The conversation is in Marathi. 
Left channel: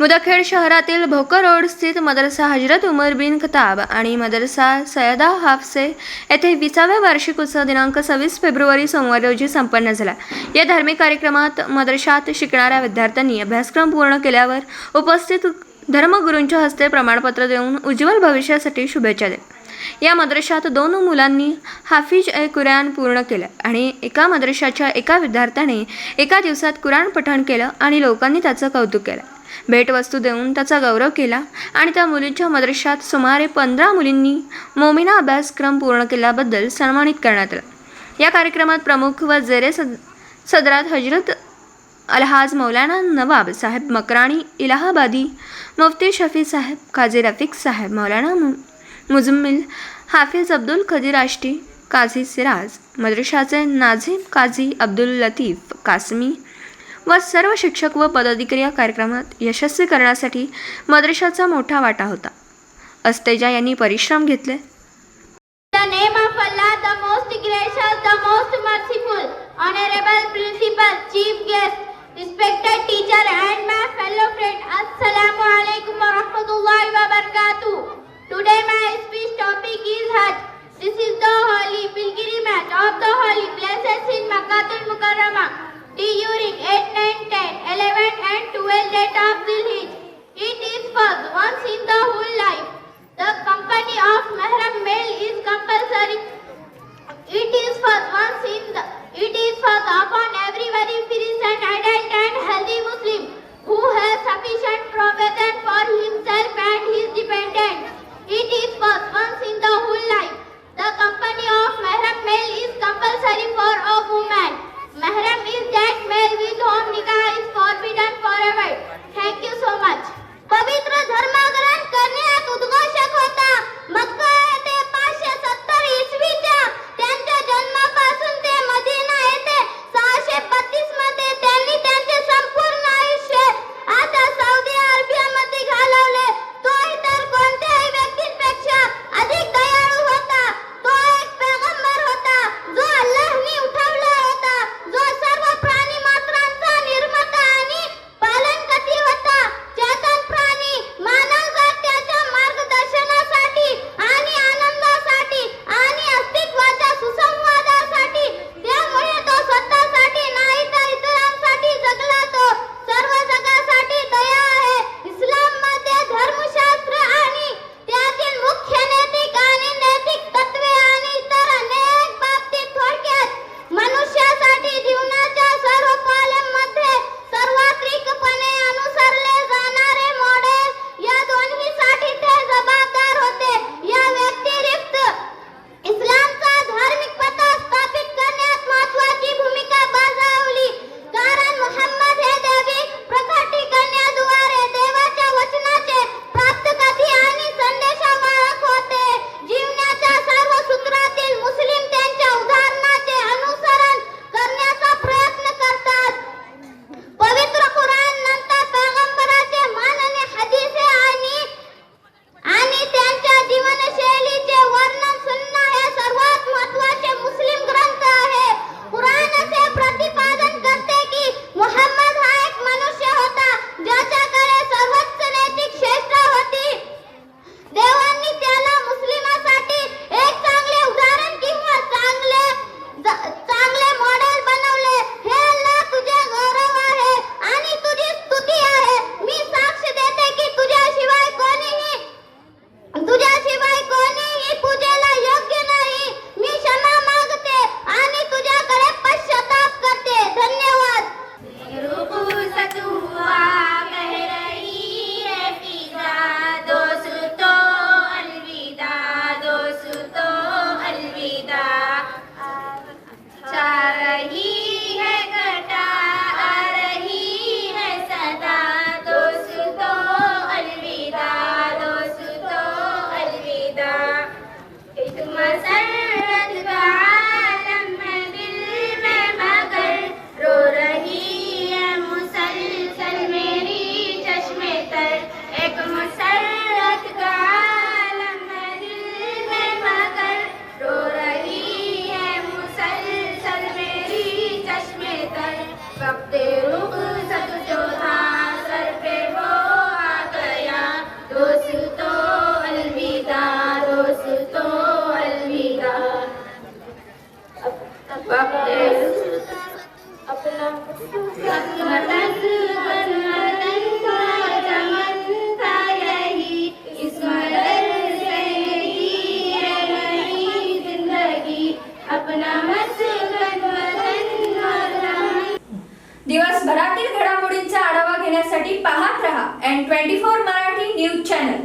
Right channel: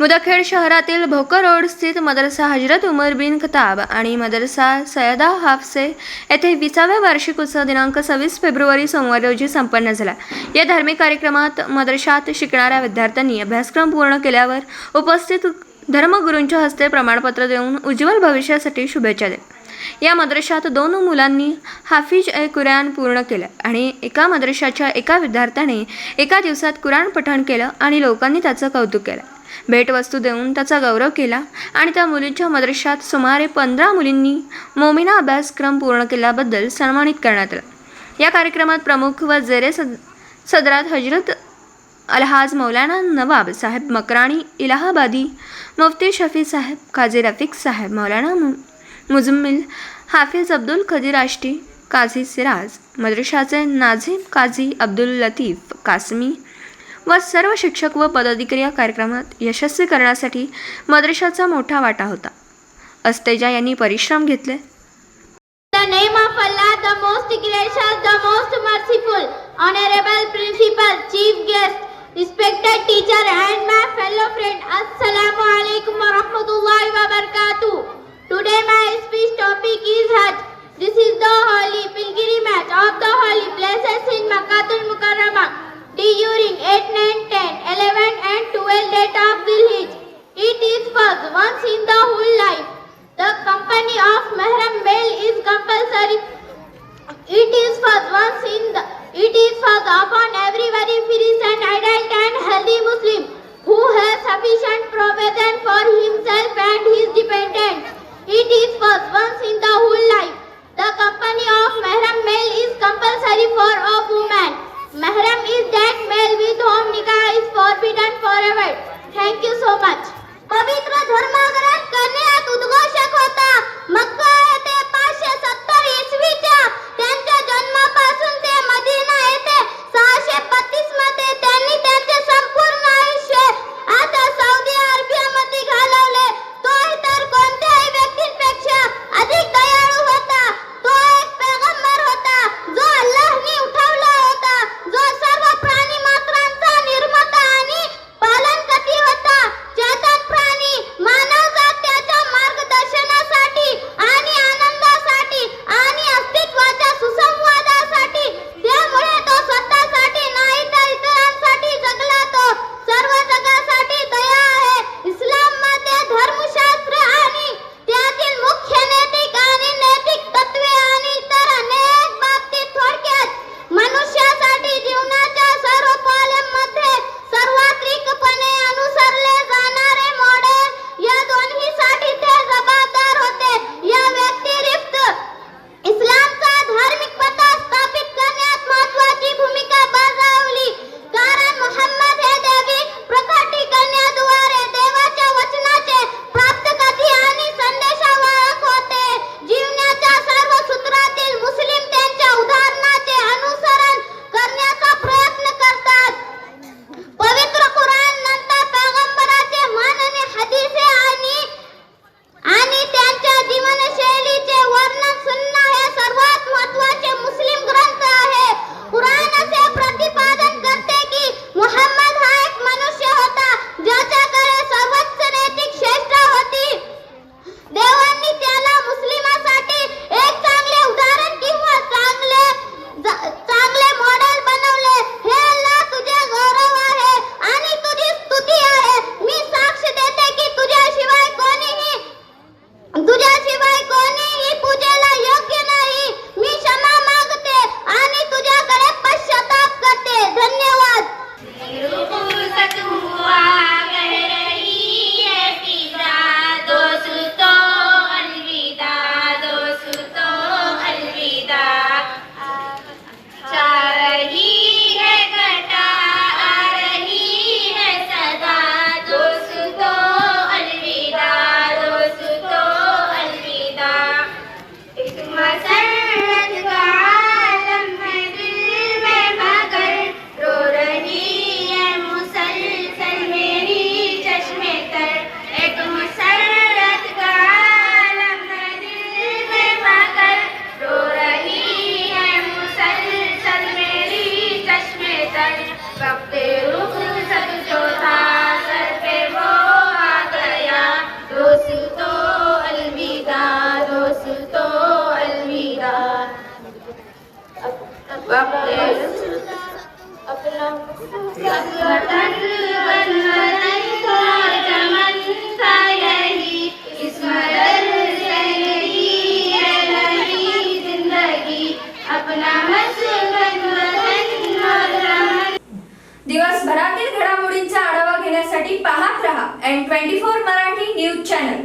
मुदखेड शहरातील भोकर रोड स्थित मदरसा हजरत उमर बिन खताब आणि मदरसा सयदा हाफसे येथे 20व्या वार्षिक उत्सव दिनांक 26 फेब्रुवारी सोमवार रोजी संपन्न झाला. या धार्मिक कार्यक्रमात मदरशात शिकणाऱ्या विद्यार्थ्यांनी अभ्यासक्रम पूर्ण केल्यावर उपस्थित धर्मगुरूंच्या हस्ते प्रमाणपत्र देऊन उज्ज्वल भविष्यासाठी शुभेच्छा दिल्या. या मदरशात 2 मुलांनी हाफिज कुराण पूर्ण केलं आणि एका मदरशाच्या एका विद्यार्थ्याने एका दिवसात कुराण पठण केलं आणि लोकांनी त्याचं कौतुक केलं. भेटवस्तू देऊन त्याचा गौरव केला आणि त्या मुलींच्या मदरशात सुमारे 15 मुलींनी मोमिना अभ्यासक्रम पूर्ण केल्याबद्दल सन्मानित करण्यात आलं. या कार्यक्रमात प्रमुख व जेरे सदरात हजरत अलहाज मौलाना नवाब साहेब मकराणी इलाहाबादी, मुफ्ती शफी साहेब, काजी रफीक साहेब, मौलाना मुजम्मिल, हाफिज अब्दुल खदीर आष्टी, काझी सिराज, मदरशाचे नाझीम काझी अब्दुल लतीफ कासमी व सर्व शिक्षक व पदाधिकारी या कार्यक्रमात यशस्वी करण्यासाठी मदरशाचा मोठा वाटा होता. अस्तेजा यांनी परिश्रम घेतले. The name of Allah, the most gracious, the most merciful, honorable principal, chief guest, respected teacher and my fellow friend, Assalamu alaikum wa rahmatullahi wa barakatuh. Today my speech topic is Hajj. This is the holy pilgrimage of the holy places in Makkatul Mukarramah during 8, 9, 10, 11 and 12 date of Dhul Hijjah. It is first once in the whole life. The company of Mahram male is compulsory. It is first upon every very fierce and adult and healthy Muslim who has sufficient दिवसभरातील घडामोडींचा आढावा घेण्यासाठी पाहत रहा N24 मराठी न्यूज चॅनल.